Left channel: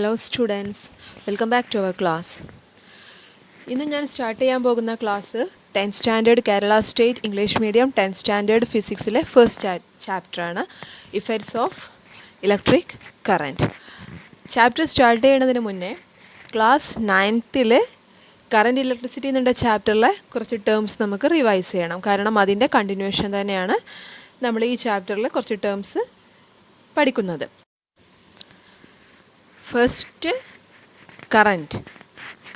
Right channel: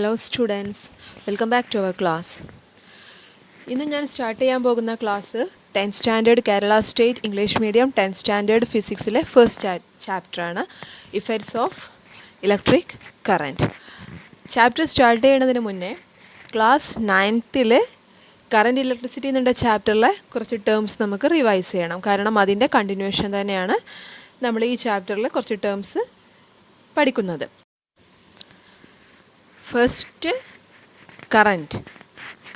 Hello students, welcome back to our class. ഇന്ന് ഞാൻ start ചെയ്യാൻ പോകുന്ന class 10th standard Kerala state English medium 10th standard ഫിസിക്സിലെ first ചാപ്റ്ററാണ് effects of electric current. Chapter start ചെയ്യുന്നതിന് മുന്നേ ക്ലാസ് 9th കറൻറ്റ് ഇലക്ട്രിസിറ്റി എന്നുള്ള ചാപ്റ്ററിലെ കുറച്ച് ടേംസ് നമുക്ക് റിവൈസ് ചെയ്യണം. കാരണം അതിൻ്റെ കണ്ടിന്യൂഷൻ തന്നെയാണ് നമ്മൾ ഈ ചാപ്റ്ററിൽ കുറച്ച് ടേംസ് പഠിക്കുന്നത്. ഫസ്റ്റ്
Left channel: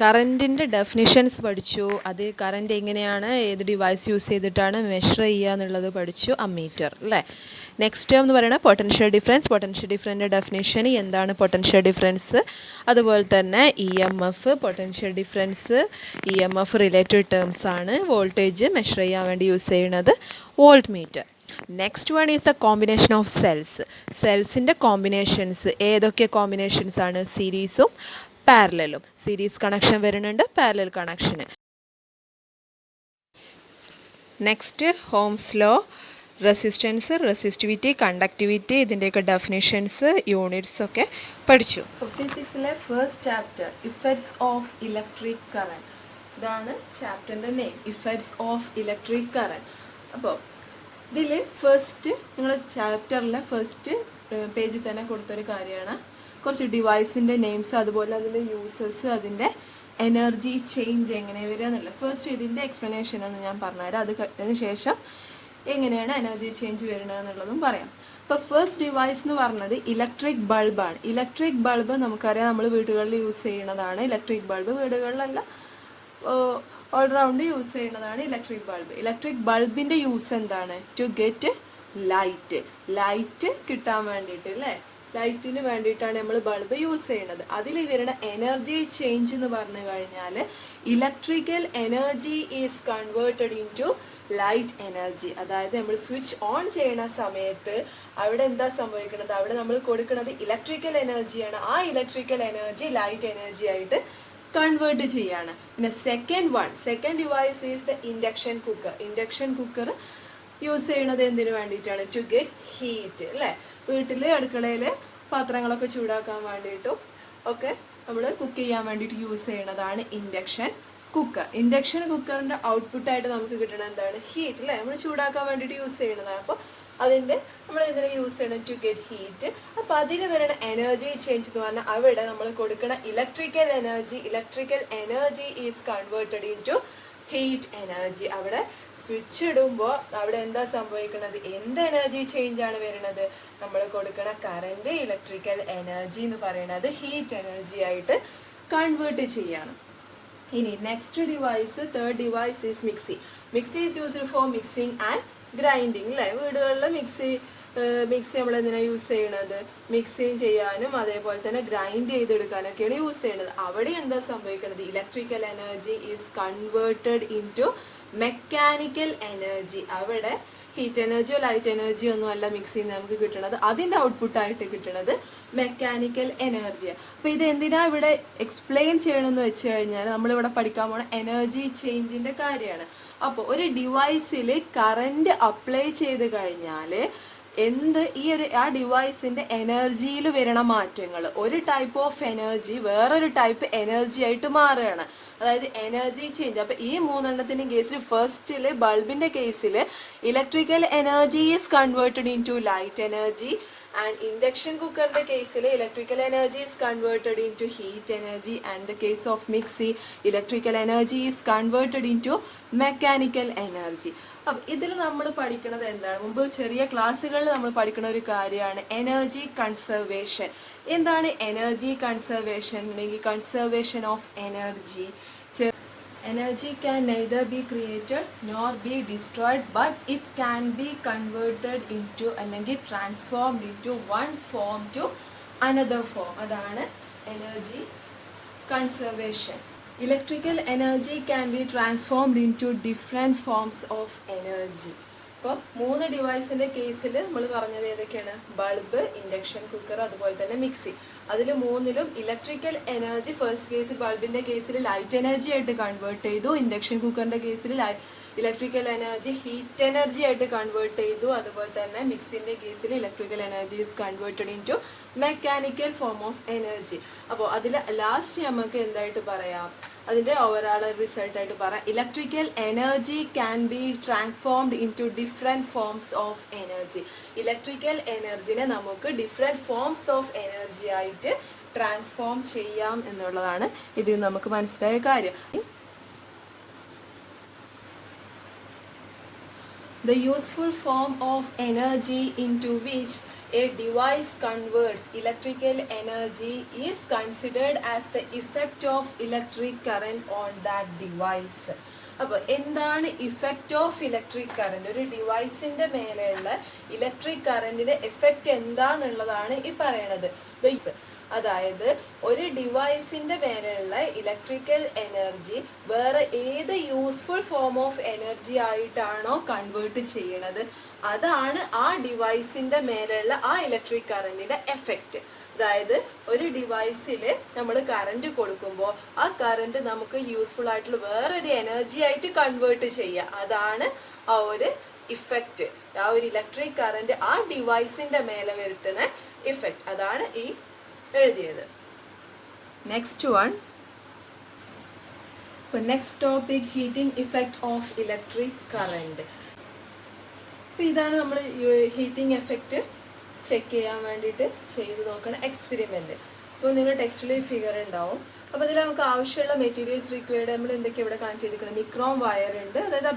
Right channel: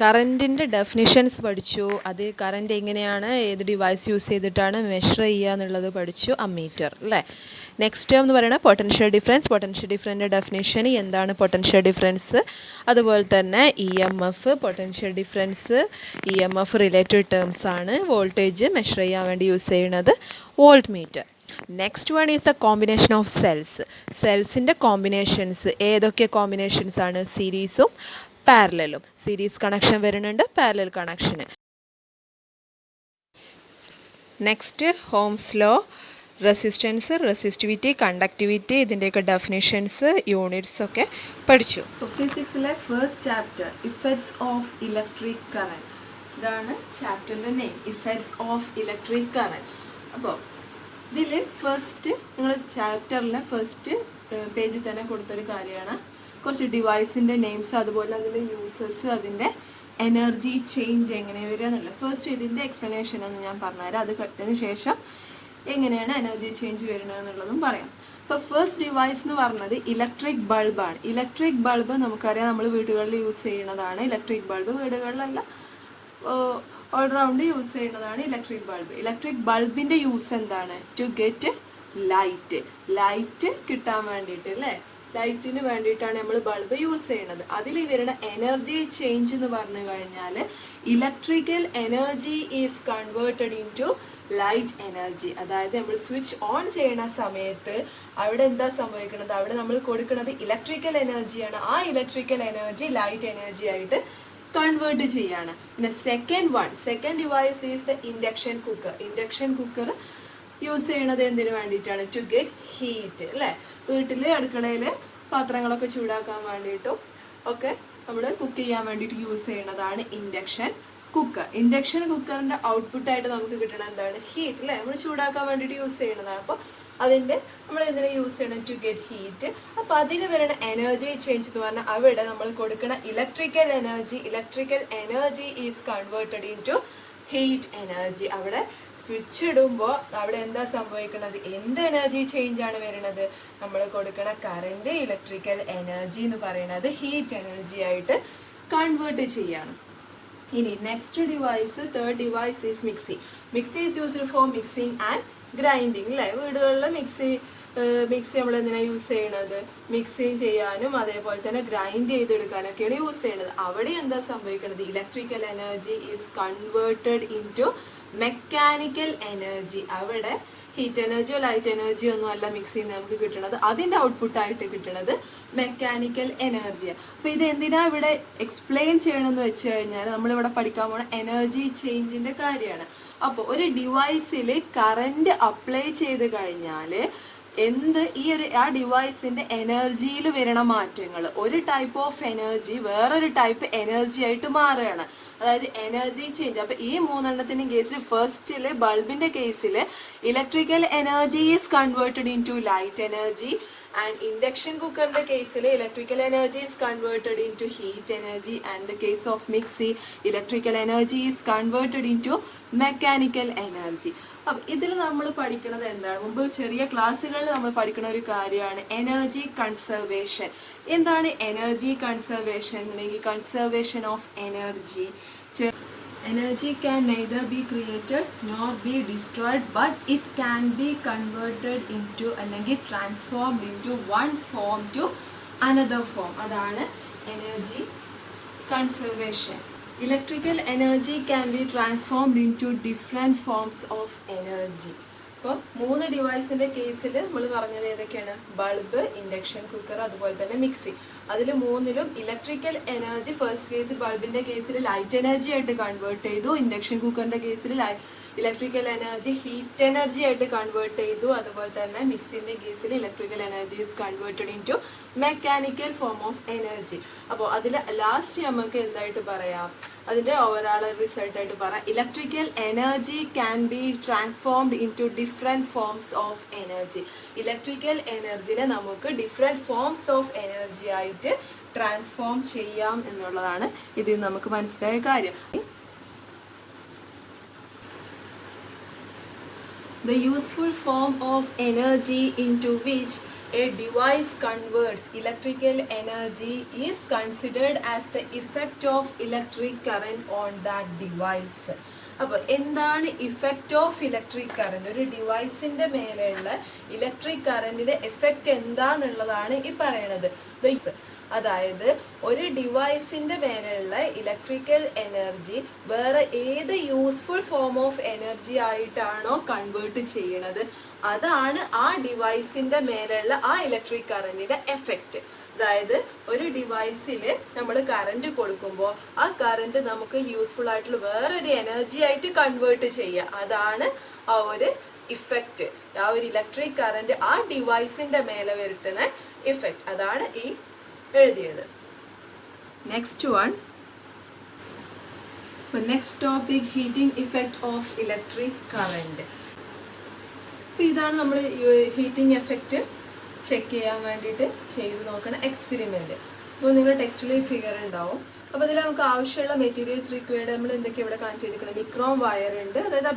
കറൻറ്റിൻ്റെ ഡെഫിനിഷൻസ് പഠിച്ചു. അത് കറൻറ്റ് എങ്ങനെയാണ്, ഏത് ഡിവൈസ് യൂസ് ചെയ്തിട്ടാണ് മെഷർ ചെയ്യുക എന്നുള്ളത് പഠിച്ചു. അമ്മീറ്റർ അല്ലേ. നെക്സ്റ്റ് ടേം എന്ന് പറയുന്നത് പൊട്ടൻഷ്യൽ ഡിഫറൻസിൻ്റെ ഡെഫിനിഷൻ, എന്താണ് പൊട്ടൻഷ്യൽ ഡിഫറൻസ്, അതുപോലെ തന്നെ EMF, potential difference, EMF related terms ആണ്. വോൾട്ടേജ് മെഷർ ചെയ്യാൻ വേണ്ടി യൂസ് ചെയ്യുന്നത് volt meter. Next one is the combination of സെൽസിൻ്റെ കോമ്പിനേഷൻസ്. ഏതൊക്കെ കോമ്പിനേഷൻസ് ആണ്? സീരീസും പാരലലും. സീരീസ് കണക്ഷൻ വരുന്നുണ്ട്, പാരലൽ കണക്ഷന്. Next Ohm's law, resistance, resistivity, conductivity, ഇതിൻ്റെയൊക്കെ ഡെഫിനേഷൻസ്, യൂണിറ്റ്സ് ഒക്കെ പഠിച്ചു. ഫിസിക്സിലെ first chapter effects of electric current. ഇതാണ് ചാപ്റ്ററിൻ്റെ name, effects of electric current. അപ്പോൾ ഇതിൽ ഫസ്റ്റ് നിങ്ങൾ ചാപ്റ്ററിലെ ഫസ്റ്റ് പേജിൽ തന്നെ കൊടുത്തൊരു കാര്യമാണ് കുറച്ച് ഡിവൈസിൻ്റെ നെയിംസ്, അതുപോലെ അതിൻ്റെ യൂസേഴ്സ്, അതിൻ്റെ എനർജി ചേഞ്ച് എങ്ങനെ വരിക എന്നുള്ള. ഫസ്റ്റ് ഇതിൻ്റെ എക്സ്പ്ലനേഷൻ ഒന്ന് ഞാൻ പറഞ്ഞുതരാം. അത് കട്ടതിന് ശേഷം എങ്ങനെയാണ് എനർജി ചേഞ്ച് വരുന്നത് എന്നുള്ളതും പറയാം. അപ്പോൾ ഫസ്റ്റ് ഡിവൈസ് എന്ന് പറഞ്ഞത് ഇലക്ട്രിക് ബൾബാണ്. ഇലക്ട്രിക് ബൾബ് നമുക്കറിയാം, നമ്മൾ വീടുകളിൽ യൂസ് ചെയ്യുന്നതാണ്. ഇലക്ട്രിക് ബൾബ് വീടുകളിലല്ല, ഓൾറൗണ്ട് യൂസ് ചെയ്യുന്നതാണ് ഇലക്ട്രിക് ബൾബ്. ഇലക്ട്രിക് ബൾബിൻ്റെ യൂസ് എന്താണ്? ടു ഗെറ്റ് ലൈറ്റ് കിട്ടാൻ വേണ്ടിയിട്ട് അല്ലേ. ലൈറ്റിന് വേണ്ടിയിട്ടാണ് നമ്മൾ ബൾബ് യൂസ് ചെയ്യുന്നത്. അതിൽ വരുന്ന എനർജി ചേഞ്ച് എന്ന് പറഞ്ഞു കഴിഞ്ഞാൽ electrical energy is converted in to light energy. അതായത് നമ്മൾ സ്വിച്ച് ഓൺ ചെയ്യുന്ന സമയത്ത് അവിടെ എന്താ സംഭവിക്കുന്നത്? അവിടെ നമ്മൾ കൊടുക്കുന്നത് ഇലക്ട്രിക്കൽ എനർജിയാണ്. ആ ഇലക്ട്രിക്കൽ എനർജി ലൈറ്റ് എനർജി ആയിട്ട് കൺവേർട്ട് ചെയ്യാണ്. പിന്നെ second device is the induction cooker use ചെയ്യുന്നത് എന്തിനു വേണ്ടിയിട്ടാണ്? ടു ഗെറ്റ് ഹീറ്റ് അല്ലേ. വീട്ടില് അടുക്കളയില് പാത്രങ്ങളൊക്കെ ചൂടാക്കാൻ വേണ്ടിയിട്ടും ഒക്കെ നമ്മൾ കുക്ക് ചെയ്യാൻ വേണ്ടിയിട്ട് യൂസ് ചെയ്യുന്നതാണ് ഇൻഡക്ഷൻ കുക്കറിന്റെ ഔട്ട്പുട്ട് ആയിട്ട് നമുക്ക് കിട്ടുന്നത് എന്താണ്? ഹീറ്റ് അല്ലേ. നമ്മൾ ചൂടാക്കാൻ വേണ്ടിയിട്ട് യൂസ് ചെയ്യുന്നതാണ്. അപ്പോൾ അതിന്റെ നമ്മൾ എന്തിനാ യൂസ് ചെയ്യണം? To get heat. അപ്പൊ അതിന് വരുന്ന എനർജി ചേഞ്ച് എന്ന് പറഞ്ഞാൽ അവിടെ നമ്മൾ കൊടുക്കുന്ന electrical energy is converted in to heat energy. അവിടെ സ്വിച്ച് ഇടുമ്പോൾ അവിടെ എന്താ സംഭവിക്കുന്നത്? എന്ത് എനർജി ചേഞ്ച് ആണ് വരുന്നത്? നമ്മൾ കൊടുക്കുന്ന കറന്റ് ഇലക്ട്രിക്കൽ എനർജി എന്ന് പറയുന്നത് ഹീറ്റ് എനർജി ആയിട്ട് കൺവേർട്ട് ചെയ്യാണ്. ഇനി next device, third device is mixie is used for mixing and grinding അല്ലേ. വീടുകളിൽ മിക്സി നമ്മൾ എന്തിനാണ് യൂസ് ചെയ്യണത്? മിക്സിങ് ചെയ്യാനും അതേപോലെ തന്നെ ഗ്രൈൻഡ് ചെയ്തെടുക്കാനൊക്കെയാണ് യൂസ് ചെയ്യുന്നത്. അവിടെ എന്താ സംഭവിക്കുന്നത്? Electrical energy is converted in to mechanical energy. അവിടെ ഹീറ്റ് എനർജിയോ ലൈറ്റ് എനർജിയോ ഒന്നും അല്ല മിക്സിയിൽ നമുക്ക് കിട്ടുന്നത്, അതിന്റെ ഔട്ട്പുട്ട് ആയിട്ട് കിട്ടുന്നത് മെക്കാനിക്കൽ എനർജിയാണ്. അപ്പൊ ഇത് എന്തിനാ ഇവിടെ എക്സ്പ്ലെയിൻ ചെയ്യണമെന്ന് വെച്ച് കഴിഞ്ഞാൽ നമ്മളിവിടെ പഠിക്കാൻ പോണ എനർജി ചേഞ്ചിന്റെ കാര്യമാണ്. അപ്പൊ ഒരു ഡിവൈസിൽ കറന്റ് അപ്ലൈ ചെയ്ത് കഴിഞ്ഞാല് ആ ഡിവൈസിന്റെ എനർജിയിൽ വരണ മാറ്റങ്ങൾ, ഒരു ടൈപ്പ് ഓഫ് എനർജി വേറൊരു ടൈപ്പ് എനർജി ആയിട്ട് മാറുകയാണ്. അതായത് എനർജി ചേഞ്ച്. അപ്പൊ ഈ മൂന്നെണ്ണത്തിന്റെ കേസിൽ ഫസ്റ്റില് ബൾബിന്റെ കേസിൽ electrical energy is converted in to light energy, and induction കുക്കറിന്റെ കേസിൽ electrical energy is converted in to heat energy, and the case of mixie electrical energy is converted in to mechanical energy. അപ്പം ഇതിൽ നമ്മൾ പഠിക്കുന്നത് എന്താണ്? മുമ്പ് ചെറിയ ക്ലാസ്സുകളിൽ നമ്മൾ പഠിക്കുന്ന ഒരു കാര്യമാണ് എനർജി കൺസർവേഷൻ. എന്താണ് എനർജി കൺസർവേഷൻ? അല്ലെങ്കിൽ conservation of energy. Energy can neither be created nor be destroyed, but it can be converted into അല്ലെങ്കിൽ transformed into one form to another form. അതാണ് energy conservation. Electrical energy can be transformed into different forms of energy. അപ്പോൾ 3 ഡിവൈസിന്റെ കേസിൽ നമ്മൾ പറഞ്ഞത് ഏതൊക്കെയാണ്? Bulb, induction cooker, അതുപോലെ തന്നെ മിക്സി. അതിൽ മൂന്നിലും ഇലക്ട്രിക്കൽ എനർജി ഫസ്റ്റ് കേസിൽ ബൾബിന്റെ കേസിൽ ലൈറ്റ് എനർജി ആയിട്ട് കൺവേർട്ട് ചെയ്തു. ഇൻഡക്ഷൻ കുക്കറിന്റെ കേസിൽ ഇലക്ട്രിക്കൽ എനർജി ഹീറ്റ് എനർജി ആയിട്ട് കൺവേർട്ട് ചെയ്തു. അതുപോലെ തന്നെ മിക്സിന്റെ കേസിൽ electrical energy is converted in to mechanical form of energy. അപ്പോൾ അതിൽ ലാസ്റ്റ് നമുക്ക് എന്തായിട്ട് പറയാം, അതിന്റെ ഓവറോൾ റിസൾട്ട് ആയിട്ട് പറയാം, electrical energy can be transformed into different forms of energy. Electrical എനർജിനെ നമുക്ക് ഡിഫറെന്റ് ഫോംസ് ഓഫ് എനർജി ആയിട്ട് ട്രാൻസ്ഫോം ചെയ്യാം എന്നുള്ളതാണ് ഇതിൽ നമുക്ക് മനസ്സിലായ കാര്യം. The useful form of energy into which a device converts electrical energy is considered as the effect of electric current on that device. അപ്പോൾ എന്താണ് ഇഫക്റ്റ് ഓഫ് ഇലക്ട്രിക് കറന്റ്? ഒരു ഡിവൈസിന്റെ മേലെയുള്ള ഇലക്ട്രിക് കറന്റിന്റെ എഫക്റ്റ് എന്താന്നുള്ളതാണ് ഈ പറയണത്. അതായത് ഒരു ഡിവൈസിന്റെ മേലെയുള്ള ഇലക്ട്രിക്കൽ എനർജി വേറെ ഏത് യൂസ്ഫുൾ ഫോം ഓഫ് എനർജി ആയിട്ടാണോ കൺവേർട്ട് ചെയ്യണത്, അതാണ് ആ ഡിവൈസിന്റെ മേലെയുള്ള ആ ഇലക്ട്രിക് കറന്റിന്റെ എഫക്റ്റ്. അതായത് ഒരു ഡിവൈസിൽ നമ്മൾ കറന്റ് കൊടുക്കുമ്പോൾ ആ കറന്റ് നമുക്ക് യൂസ്ഫുൾ ആയിട്ടുള്ള വേറൊരു എനർജി ആയിട്ട് കൺവേർട്ട് ചെയ്യുക, അതാണ് ആ ഒരു ഇഫക്റ്റ്. ആ ഒരു ഇലക്ട്രിക് കറന്റ് ആ ഡിവൈസിന്റെ മേലെ വരുത്തുന്ന ഇഫക്റ്റ്, അതാണ് ഈ എഴുതിയത്. Next one, next topic, heating effect of electric current. ഇതാണ് നമ്മൾ ഹീറ്റിംഗ് എഫക്റ്റ് ചെക്ക് ചെയ്യാൻ വേണ്ടിയിട്ട് ചെയ്ത് നോക്കുന്ന എക്സ്പെരിമെന്റ്. അപ്പോൾ നിങ്ങളുടെ ടെക്സ്റ്റിൽ ഫിഗർ ഉണ്ടാവും. അപ്പോൾ അതിൽ നമുക്ക് ആവശ്യമുള്ള മെറ്റീരിയൽസ് റിക്വയർഡ് നമ്മൾ എന്തൊക്കെ ഇവിടെ കണക്ട് ചെയ്തിരിക്കുന്നത്, നിക്രോം വയർ ഉണ്ട്, അതായത്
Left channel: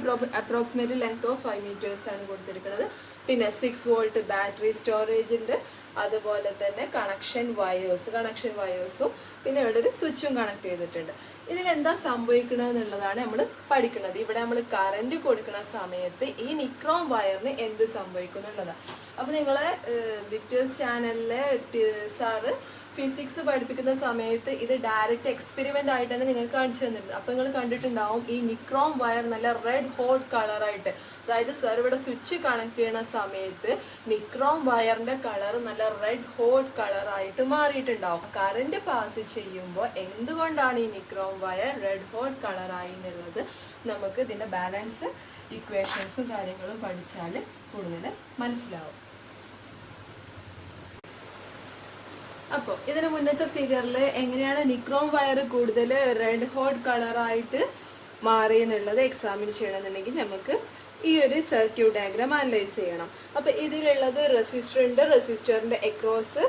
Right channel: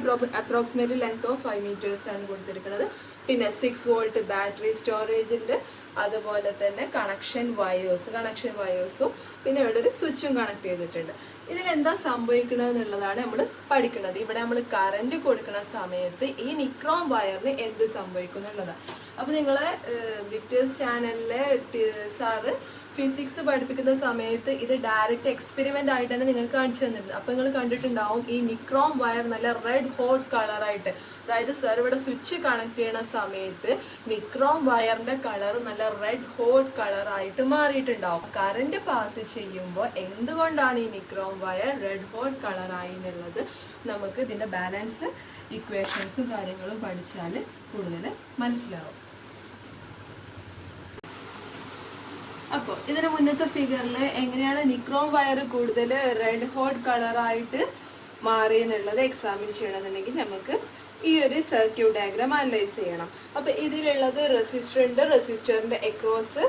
അപ്രോക്സിമേറ്റ്ലി ലെങ്ത് ഓഫ് 5 meters ആണ് കൊടുത്തിരിക്കുന്നത്. പിന്നെ 6 volt ബാറ്ററി സ്റ്റോറേജ് ഉണ്ട്, അതുപോലെ തന്നെ കണക്ഷൻ വയേഴ്സും പിന്നെ ഇവിടെ ഒരു സ്വിച്ചും കണക്ട് ചെയ്തിട്ടുണ്ട്. ഇതിലെന്താ സംഭവിക്കുന്നത് എന്നുള്ളതാണ് നമ്മൾ പഠിക്കുന്നത്. ഇവിടെ നമ്മൾ കറന്റ് കൊടുക്കുന്ന സമയത്ത് ഈ നിക്രോം വയറിന് എന്ത് സംഭവിക്കുന്നു എന്നുള്ളതാണ്. അപ്പൊ നിങ്ങളെ വിക്ടേഴ്സ് ചാനലിലെ സാറ് ഫിസിക്സ് പഠിപ്പിക്കുന്ന സമയത്ത് ഇത് ഡയറക്റ്റ് എക്സ്പെരിമെന്റ് ആയിട്ട് തന്നെ നിങ്ങൾക്ക് കാണിച്ചു തന്നിട്ടുണ്ട്. അപ്പൊ നിങ്ങൾ കണ്ടിട്ടുണ്ടാവും ഈ നിക്രോം വയർ നല്ല റെഡ് ഹോട്ട് കളറായിട്ട്, അതായത് സർ ഇവിടെ സ്വിച്ച് കണക്ട് ചെയ്യുന്ന സമയത്ത് നിക്രോം വയറിന്റെ കളർ നല്ല റെഡ് ഹോട്ട് കളറായിട്ട് മാറിയിട്ടുണ്ടാവും. കറന്റ് പാസ് ചെയ്യുമ്പോൾ എന്തുകൊണ്ടാണ് ഈ നിക്രോം വയർ റെഡ് ഹോട്ട് കളറായി എന്നുള്ളത് നമുക്ക് ഇതിന്റെ ബാലൻസ് ഇക്വേഷൻസും കാര്യങ്ങളും പഠിച്ചാൽ കൂടുതൽ മനസ്സിലാവും. അപ്പോൾ ഇതിന് മുന്നത്തെ ഫിഗറിൽ എങ്ങനെയാണ് നിക്രോം വയർ കൂടുതൽ റെഡ് ഹോട്ട് കളറായിട്ട് മാറിയെന്നുള്ളത് എക്സാമിൻ ചെയ്യണമെന്നുണ്ടെങ്കിൽ നമുക്ക് ഈ ഒരു സർക്യൂട്ട് ഡയഗ്രാം അനലൈസ് ചെയ്യണം. അപ്പൊ ഇതിലുള്ളത് റെസിസ്റ്റർ ഉണ്ട്, റെസിസ്റ്ററിന്റെ അക്രോസ്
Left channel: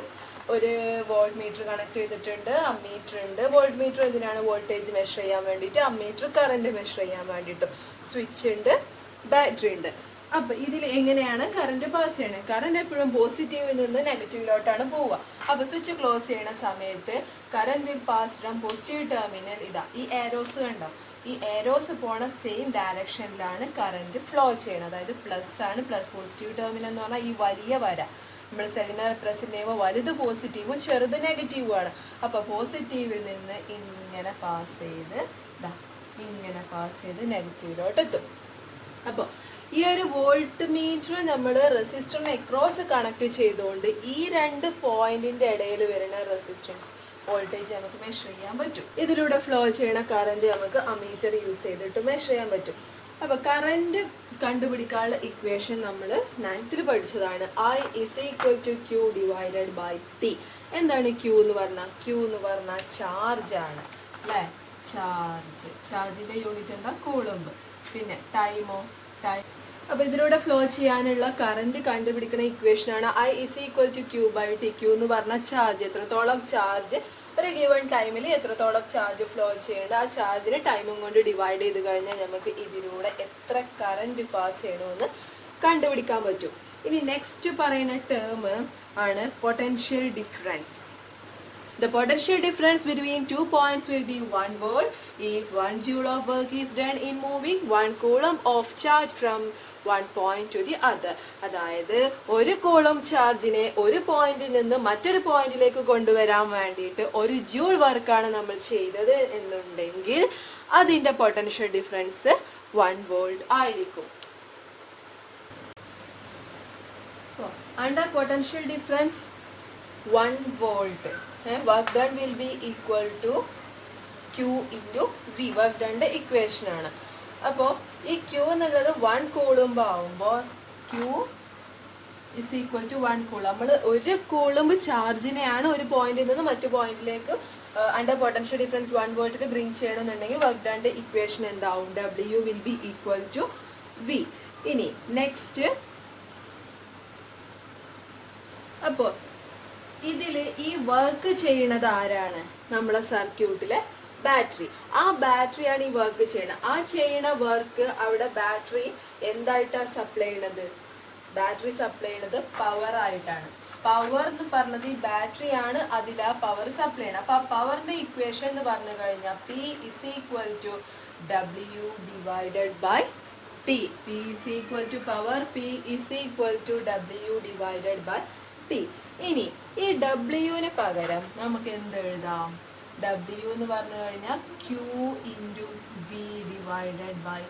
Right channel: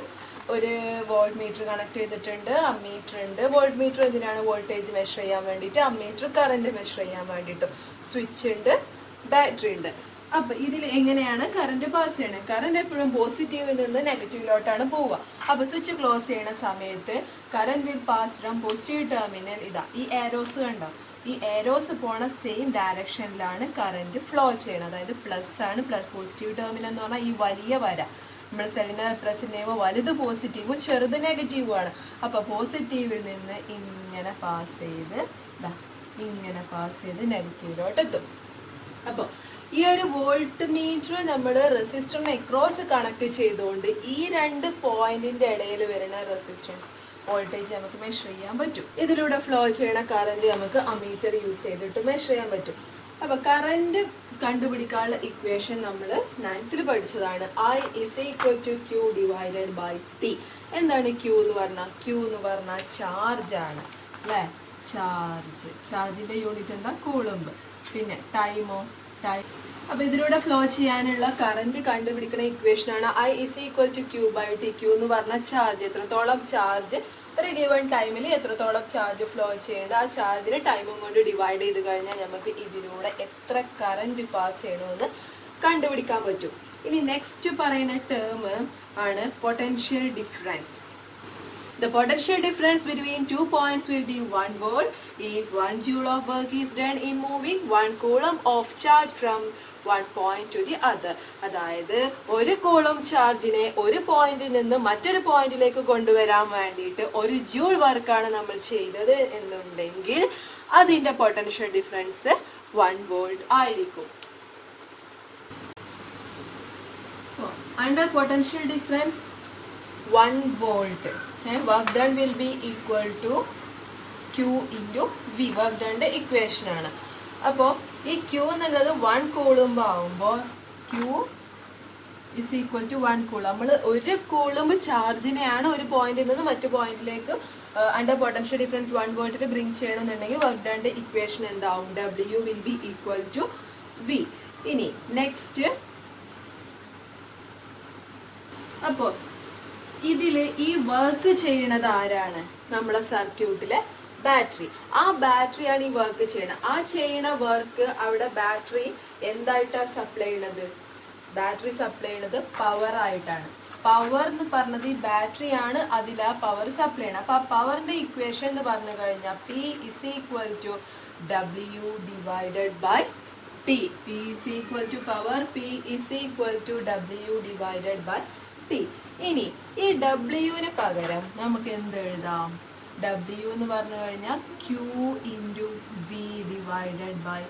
ഒരു വോൾട്ട് മീറ്റർ കണക്ട് ചെയ്തിട്ടുണ്ട്, അമ്മീറ്റർ ഉണ്ട്. വോൾട്ട് മീറ്റർ എന്തിനാണ്? വോൾട്ടേജ് മെഷർ ചെയ്യാൻ വേണ്ടിയിട്ട്, അമ്മീറ്റർ കറന്റ് മെഷർ ചെയ്യാൻ വേണ്ടിയിട്ടും. സ്വിച്ച് ഉണ്ട്, ബാറ്ററി ഉണ്ട്. അപ്പൊ ഇതിൽ എങ്ങനെയാണ് കറന്റ് പാസ് ചെയ്യണേ? കറന്റ് എപ്പോഴും പോസിറ്റീവിൽ നിന്ന് നെഗറ്റീവിലോട്ടാണ് പോവുക. അപ്പൊ സ്വിച്ച് ക്ലോസ് ചെയ്യുന്ന സമയത്ത് current will pass from positive terminal, ഇതാ ഈ ഏരോസ് കണ്ടോ, ഈ ഏരോസ് പോണ സെയിം ഡയറക്ഷനിലാണ് കറന്റ് ഫ്ലോ ചെയ്യണത്. അതായത് പ്ലസ് ആണ്, പ്ലസ് പോസിറ്റീവ് ടെർമിനൽ എന്ന് പറഞ്ഞാൽ ഈ വലിയ വര നമ്മൾ സെല്ലിനെ റെപ്രസെന്റ് ചെയ്യുമ്പോൾ വലുത് പോസിറ്റീവും ചെറുത് നെഗറ്റീവും ആണ്. അപ്പൊ പോസിറ്റീവിൽ നിന്ന് ഇങ്ങനെ പാസ് ചെയ്ത് നെഗറ്റീവിലോട്ട് എത്തും. അപ്പൊ ഈ ഒരു വോൾട്ട് മീറ്റർ നമ്മൾ റെസിസ്റ്ററിന് അക്രോസ് കണക്ട് ചെയ്തുകൊണ്ട് ഈ രണ്ട് പോയിന്റിന്റെ ഇടയിൽ വരുന്ന റെസിസ്റ്റൻസ് വോൾട്ടേജ് നമുക്ക് മെഷർ ചെയ്യാൻ പറ്റും. ഇതിലൂടെ ഫ്ലോ ചെയ്യുന്ന കറന്റ് നമുക്ക് അമീറ്റർ യൂസ് ചെയ്തിട്ട് മെഷർ ചെയ്യാൻ പറ്റും. അപ്പൊ കറന്റ് കണ്ടുപിടിക്കാനുള്ള ഇക്വേഷൻ നമ്മൾ 9th പഠിച്ചതാണ്. I is equal to Q divided by T. എന്താണ് Q എന്ന് പറഞ്ഞാൽ? Q എന്ന് പറഞ്ഞാൽ ചാർജ് ആണ് അല്ലേ? ചാർജിന്റെ യൂണിറ്റ് എന്താ? കൂളംബ്. പിന്നെ ടൈമോ? ടൈം. അപ്പൊ ഇതിലൂടെ ഫ്ലോ ചെയ്യാനുള്ള കറന്റ് കണ്ടുപിടിക്കുന്ന ഇക്വേഷൻ ആണ് I is equal to Q by T. Q എന്ന് പറഞ്ഞാൽ ചാർജ്, എത്രത്തോളം ചാർജ് ഒരു ഗിവൺ ടൈമിൽ എത്രത്തോളം ചാർജ് ഫ്ലോ ചെയ്യേണ്ട, ആ ചാർജിന് ടൈമും കൊണ്ട് ഡിവൈഡ് ചെയ്ത് കഴിഞ്ഞാൽ നമുക്ക് ഇതിലൂടെ എത്ര കറന്റ് പാസ് ചെയ്യണമെന്ന് കണ്ടുപിടിക്കാൻ പറ്റും. ഇനി നെക്സ്റ്റ് പറയുന്ന ടേം ആണ് potential difference. The potential difference between 2 points will be 1 volt if 1 joule of work is done in moving 1 coulomb of charge from one point to the other. അതായത് ഒരു Coulomb ചാർജിനെ ഒരു പോയിന്റിൽ നിന്ന് മറ്റൊരു പോയിന്റിലേക്ക് കൊണ്ടുവരാൻ വേണ്ടിയിട്ട് 1 ജൂൾ വർക്കാണ് നമ്മൾ ചെയ്തത് എന്നുണ്ടെങ്കിൽ അതിന്റെ പൊട്ടൻഷ്യൽ ഡിഫറൻസ് 1 volt ആയിരിക്കും. Under potential difference 1 volt, work done will be equal to Q into V. work done equation ആണ്. അപ്പോൾ ഈ ക്യൂ എന്നുള്ളത് 1 കൂളുംബ് ആവുമ്പോൾ ക്യൂ ഇസ് ഈക്വൽ ടു 1 കൂളും. നമ്മൾ ഒരു കൂളുംബ് ചാർജിനെയാണ് ഒരു പോയിന്റിൽ നിന്ന് മറ്റു പോയിന്റിലേക്ക് അണ്ടർ പൊട്ടൻഷ്യൽ ഡിഫറൻസ് 1 വോൾട്ടിൽ ബ്രിങ് ചെയ്യണമെന്നുണ്ടെങ്കിൽ വർക്ക് ഡൺ ഇക്വേഷൻ എന്താവും? W will be equal to V. ഇനി നെക്സ്റ്റ്, അപ്പോ ഇതില് ഈ വർക്ക് ചെയ്യണത് ആരാണ്? നമ്മളെ സർക്യൂട്ടിലെ ബാറ്ററി. ആ ബാറ്ററിയാണ് ഈ വർക്ക് ചെയ്യണത്. ആ ചെയ്യണ വർക്ക് അവിടെ ബാറ്ററി എന്തായിട്ടാ സപ്ലൈ ചെയ്യണത്? ബാറ്ററി സപ്ലൈ ചെയ്യണത് പവർ ആയിട്ടാണ്. പവർ എന്ന് പറഞ്ഞത് ഈ ബാറ്ററി ആണ് അതിൽ ആ പവർ സപ്ലൈ ചെയ്യണം. അപ്പൊ ആ പവറിന്റെ ഇക്വേഷൻ എന്ന് പറഞ്ഞു കഴിഞ്ഞാൽ P is equal to W divided by T. P is equal to power, P is equal to W divided by T. ഇനി ഈ ഡബ്ല്യുവിന് പകരം നമുക്ക് എന്ത് എഴുതാം? W എന്ന് പറഞ്ഞു കഴിഞ്ഞാൽ Q into V divided by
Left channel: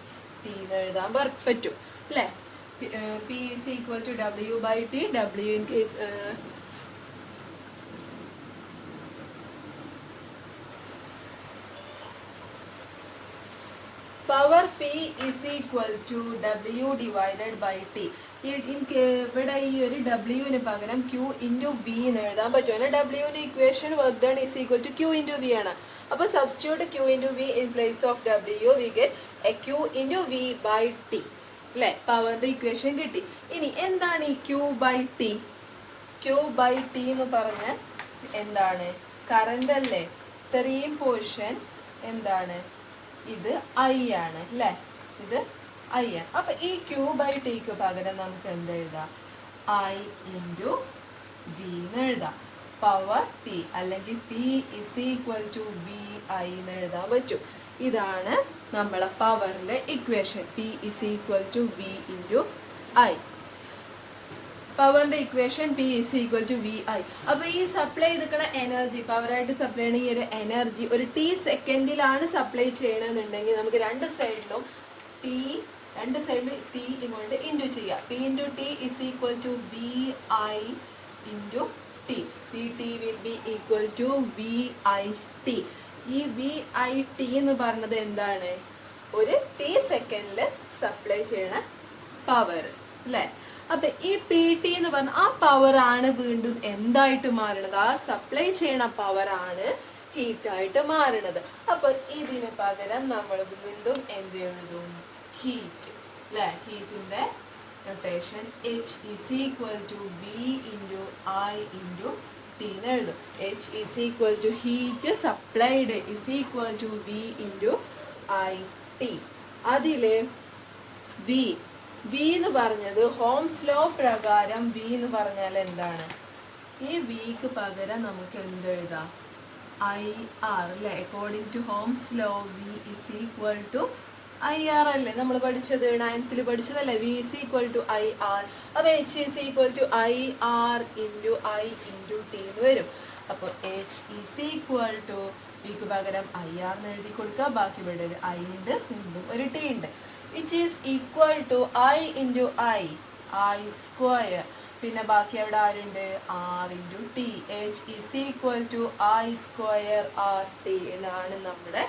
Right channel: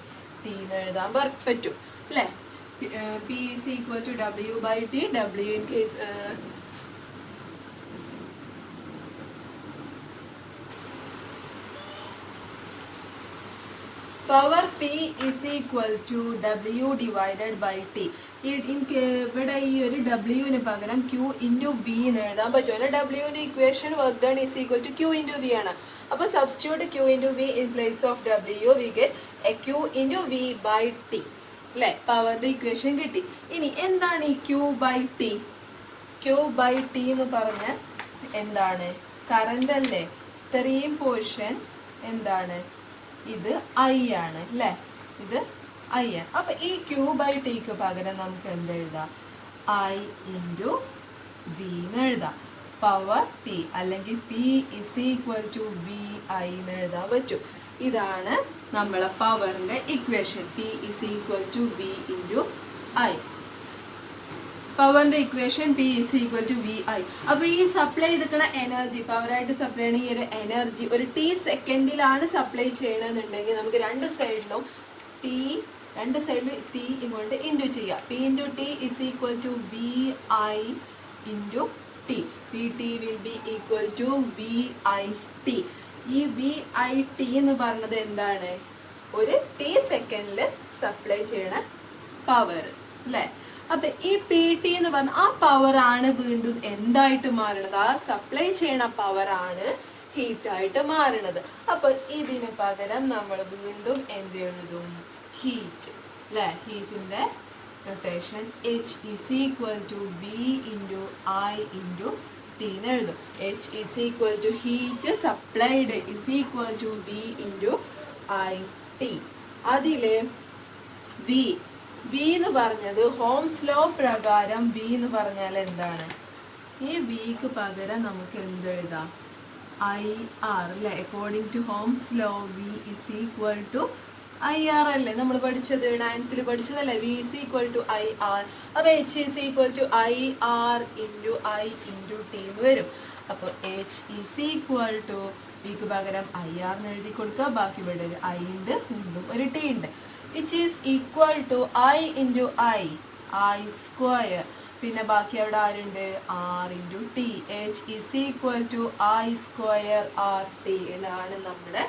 T എന്ന് എഴുതാൻ പറ്റും അല്ലെ? P is equal to W by T. W in case power P is equal to W divided by T. ഇവിടെ ഈ ഒരു ഡബ്ല്യുവിന് പകരം Q ഇൻറ്റു V എന്ന് എഴുതാൻ പറ്റും. ഡബ്ല്യുവിന്റെ equation work done is equal to Q into V ആണ്. അപ്പൊ substitute Q into V in place of W we get Q into V by T അല്ലെ? പവറിന്റെ ഇക്വേഷൻ കിട്ടി. ഇനി എന്താണ് ഈ Q by T? Q by T എന്ന് പറഞ്ഞാൽ എന്താണ്? കറന്റ് അല്ലേ? ഇത്രയും പോർഷൻ എന്താണ്? ഇത് I ആണ് അല്ലെ? ഇത് I ആണ്. അപ്പൊ ഈ Q ബൈ Tക്ക് പകരം നമുക്ക് എന്ത് എഴുതാം? I ഇൻറ്റു V എന്ന് എഴുതാം. പവർ P അല്ലെങ്കിൽ P is equal to V I എന്ന് എഴുതാൻ പറ്റും. ഇതാണ് നമ്മളെ പവറിന്റെ equation. P is equal to V into I. പവറിന്റെ equation P is equal to V I. അപ്പൊ ഈ സപ്ലൈ ചെയ്തിരിക്കുന്ന എനർജി, പവറായിട്ട് സപ്ലൈ ചെയ്യണ ഈ ഒരു എനർജി ഒരു T സെക്കൻഡിലാണ് സപ്ലൈ ചെയ്യണമെന്നുണ്ടെങ്കിൽ നമുക്ക് രണ്ട് സൈഡിലും T ഇങ്ങോട്ട് ഇൻറ്റു ചെയ്യാം. P into T is equal to V I into T. Pt will be equal to V I T. ഈ VIT എന്ന് പറഞ്ഞത് എന്താണ്? ഒരു T സെക്കൻഡില് സപ്ലൈ ചെയ്യണ പവർ അല്ലെ? അപ്പൊ ഈ PT എന്ന് പറഞ്ഞ ആ പവർ ആണ് വീണ്ടും എന്തായിട്ട് മാറണത്? ആ സപ്ലൈ ചെയ്യണ പവർ ആണ് ഹീറ്റ് ആയിട്ട് മാറണത്. അപ്പൊ ഇതിന് പകരം നമ്മൾ വീണ്ടും എന്ത് എഴുതും? ഹീറ്റ് അല്ലെ? ഹീറ്റിന്റെ notation H is equal to V into I into T എന്ന് എഴുതും. H is equal to heat supplied is equal to V into IT. അതില് V എന്ന് പറഞ്ഞത് ഹോംസ് ലോ പ്രകാരം V എന്ന് പറഞ്ഞാൽ എന്താണ്? ഈ Vക്ക് പകരം നമുക്ക് എന്ത് എഴുതാം? IR അല്ലെ? According to Ohm's law V is equal to IR അല്ലേ? നമ്മൾ പഠിച്ചത് 9th പഠിച്ചതല്ലേ? V is equal to IR. അപ്പൊ H is equal to IR into I into T എന്ന് വരും. അപ്പൊ H is equal to Vക്ക് പകരം IR എന്ന് എഴുതി കൊടുക്കുക. ബാക്കി ഇവിടെ ഒരു I ഉണ്ട്, വീണ്ടും ഒരു T ഉണ്ട്. H is equal to I into I square. പിന്നെ ബാക്കി അവിടെ ആരുണ്ട്? R into T. H is equal to I square RT എന്നാണ് നമ്മുടെ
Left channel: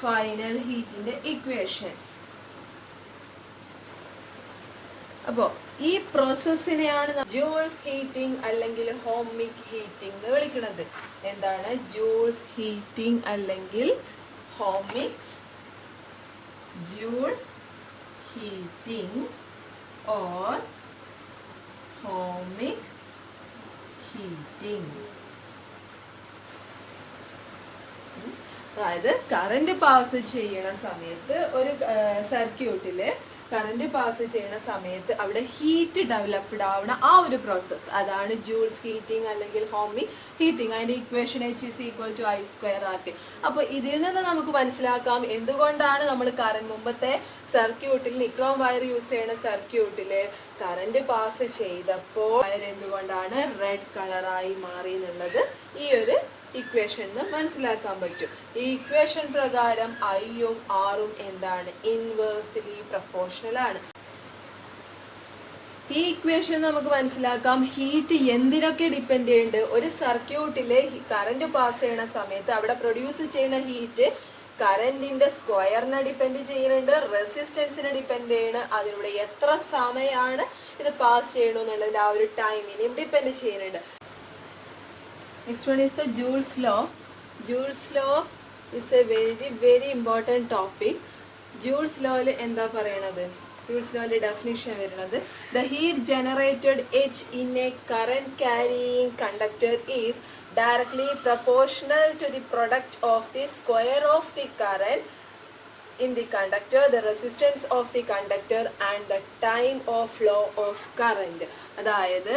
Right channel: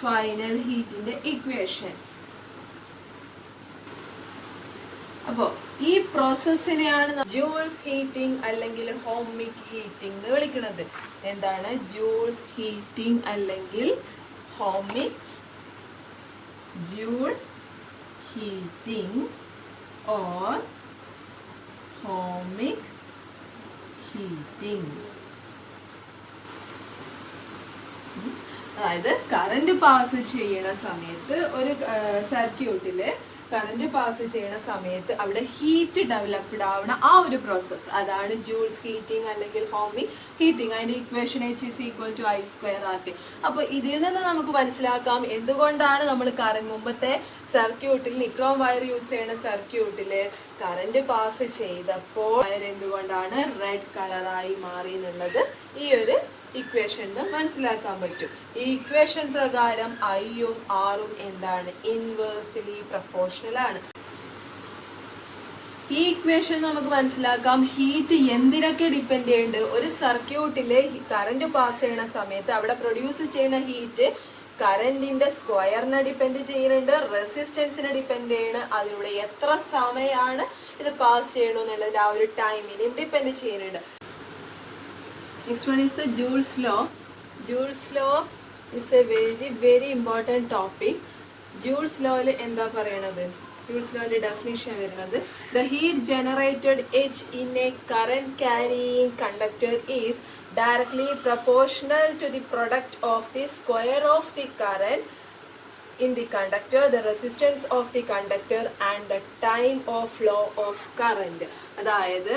ഫൈനൽ ഹീറ്റിന്റെ ഇക്വേഷൻ. അപ്പോ ഈ പ്രോസസ്സിനെയാണ് ജൂൾസ് ഹീറ്റിംഗ് അല്ലെങ്കിൽ ഹോമിക് ഹീറ്റിംഗ് എന്ന് വിളിക്കുന്നത്. എന്താണ് ജൂൾസ് ഹീറ്റിംഗ് അല്ലെങ്കിൽ ohmic? Joule heating or ohmic heating. അതായത് കറന്റ് പാസ് ചെയ്യണ സമയത്ത് ഒരു സർക്യൂട്ടില് കറന്റ് പാസ് ചെയ്യണ സമയത്ത് അവിടെ ഹീറ്റ് ഡെവലപ്ഡ് ആവുന്ന ആ ഒരു പ്രോസസ്, അതാണ് ജൂൾസ് ഹീറ്റിംഗ് അല്ലെങ്കിൽ ഹോമിക് ഹീറ്റിംഗ്. അതിന്റെ equation H is equal to I square RT. അപ്പൊ ഇതിൽ നിന്ന് നമുക്ക് മനസ്സിലാക്കാം എന്തുകൊണ്ടാണ് നമ്മൾ മുമ്പത്തെ സർക്യൂട്ടിൽ നിക്രോം വയർ യൂസ് ചെയ്യുന്ന സർക്യൂട്ടില് കറന്റ് പാസ് ചെയ്തപ്പോൾ എന്തുകൊണ്ടാണ് റെഡ് കളറായി മാറി എന്നുള്ളത് ഈ ഒരു ഇക്വേഷന് മനസ്സിലാക്കാൻ പറ്റും. ഈ ഇക്വേഷൻ പ്രകാരം ഐയും ആറും എന്താണ്? ഇൻവേഴ്സ്ലി പ്രൊപ്പോർഷണൽ ആണ്. ഈ ഇക്വേഷൻ നമുക്ക് മനസ്സിലാക്കാം ഹീറ്റ് എന്തിനൊക്കെ ഡിപ്പെൻഡ് ചെയ്യുന്നുണ്ട്. ഒരു സർക്യൂട്ടിലെ കറന്റ് പാസ് ചെയ്യുന്ന സമയത്ത് അവിടെ പ്രൊഡ്യൂസ് ചെയ്യുന്ന ഹീറ്റ് കറന്റിന്റെ സ്ക്വയറിനെ ഡിപ്പെൻഡ് ചെയ്യുന്നുണ്ട്, റെസിസ്റ്റൻസിനെ ഡിപ്പെൻഡ് ചെയ്യണ്, അതിലൂടെ എത്ര സമയമാണ് ഇത് പാസ് ചെയ്യണമെന്നുള്ളത് ആ ഒരു ടൈമിനെ ഡിപ്പെൻഡ് ചെയ്യുന്നുണ്ട്. Next one is the Joule's law. Joule's law is a very very important topic. Joule's ലോയിൽ എന്താ പറയണത്? ജൂൾസ് ലോയിലെ ഡെഫിനിഷൻ വരുന്നത് the heat generated H in a current carrying conductor is directly proportional to the product of the square of the current in the conductor, the resistance of the conductor and the time of flow of current. അതായത്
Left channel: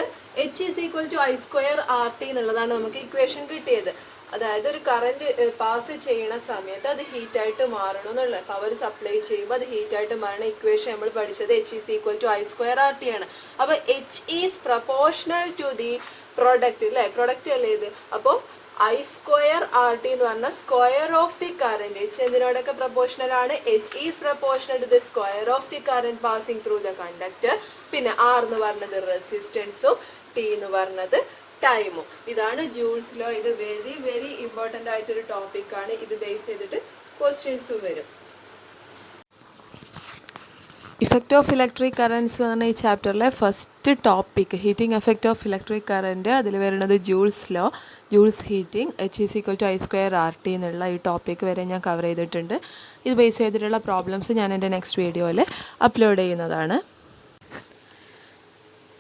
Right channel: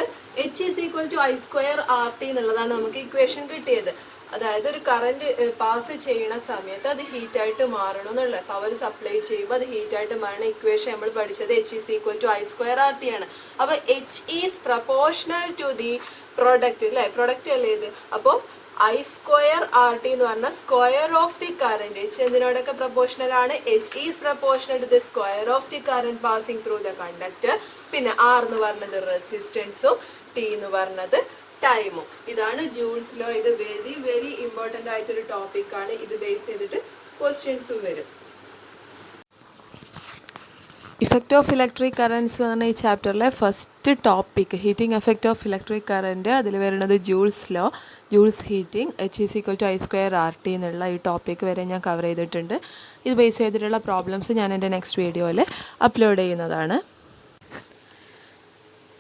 H is equal to I square RT എന്നുള്ളതാണ് നമുക്ക് equation കിട്ടിയത്. അതായത് ഒരു current pass ചെയ്യുന്ന സമയത്ത് അത് heat ആയിട്ട് മാറണം എന്നുള്ള, പവർ സപ്ലൈ ചെയ്യുമ്പോൾ അത് ഹീറ്റ് ആയിട്ട് മാറുന്ന ഇക്വേഷൻ നമ്മൾ പഠിച്ചത് H is equal to I square RT ആണ്. അപ്പൊ H is proportional to the product അല്ലെ, പ്രൊഡക്റ്റ് അല്ലേ ഇത്. അപ്പോൾ I square RT എന്ന് പറഞ്ഞാൽ square of the current. H എന്തിനോടൊക്കെ പ്രൊപ്പോർഷണൽ ആണ്? H is proportional to the square of the current passing through the conductor. പിന്നെ R എന്ന് പറഞ്ഞത് റെസിസ്റ്റൻസും T എന്ന് പറഞ്ഞത് ടൈമും. ഇതാണ് ജൂൾസ് ലോ. ഇത് വെരി വെരി ഇമ്പോർട്ടൻ്റ് ആയിട്ടൊരു ടോപ്പിക്കാണ്. ഇത് ബേസ് ചെയ്തിട്ട് ക്വസ്റ്റ്യൻസും വരും. ഇഫക്റ്റ് ഓഫ് ഇലക്ട്രിക് കറൻസ് എന്ന് പറഞ്ഞ ഈ ചാപ്റ്ററിലെ first topic heating effect of electric current. അതിൽ വരുന്നത് Joule's law, Joule's heating, H is equal to I square RT എന്നുള്ള ഈ ടോപ്പിക്ക് വരെ ഞാൻ കവർ ചെയ്തിട്ടുണ്ട്. ഇത് ബേസ് ചെയ്തിട്ടുള്ള പ്രോബ്ലംസ് ഞാൻ എൻ്റെ നെക്സ്റ്റ് വീഡിയോയിൽ അപ്ലോഡ് ചെയ്യുന്നതാണ്.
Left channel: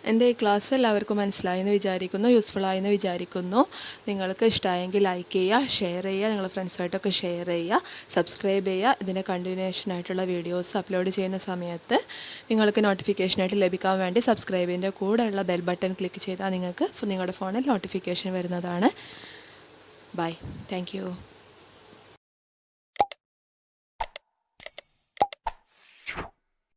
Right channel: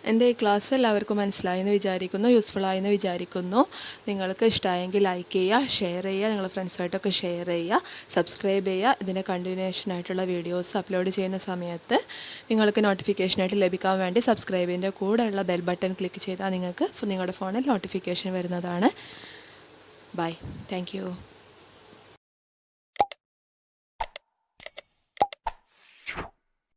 എൻ്റെ ഈ ക്ലാസ് എല്ലാവർക്കും മനസ്സിലായെന്ന് വിചാരിക്കുന്നു, യൂസ്ഫുള്ളായെന്ന് വിചാരിക്കുന്നു. നിങ്ങൾക്ക് ഇഷ്ടമായെങ്കിൽ ലൈക്ക് ചെയ്യുക, ഷെയർ ചെയ്യുക, നിങ്ങളുടെ ഫ്രണ്ട്സുമായിട്ടൊക്കെ ഷെയർ ചെയ്യുക, സബ്സ്ക്രൈബ് ചെയ്യുക. ഇതിൻ്റെ കണ്ടിന്യൂഷനായിട്ടുള്ള വീഡിയോസ് അപ്ലോഡ് ചെയ്യുന്ന സമയത്ത് നിങ്ങൾക്ക് നോട്ടിഫിക്കേഷനായിട്ട് ലഭിക്കാൻ വേണ്ടി സബ്സ്ക്രൈബിൻ്റെ കൂടെയുള്ള ബെൽ ബട്ടൺ ക്ലിക്ക് ചെയ്താൽ നിങ്ങൾക്ക് നിങ്ങളുടെ ഫോണിൽ നോട്ടിഫിക്കേഷൻ വരുന്നതാണ്. ബൈ. Thank you.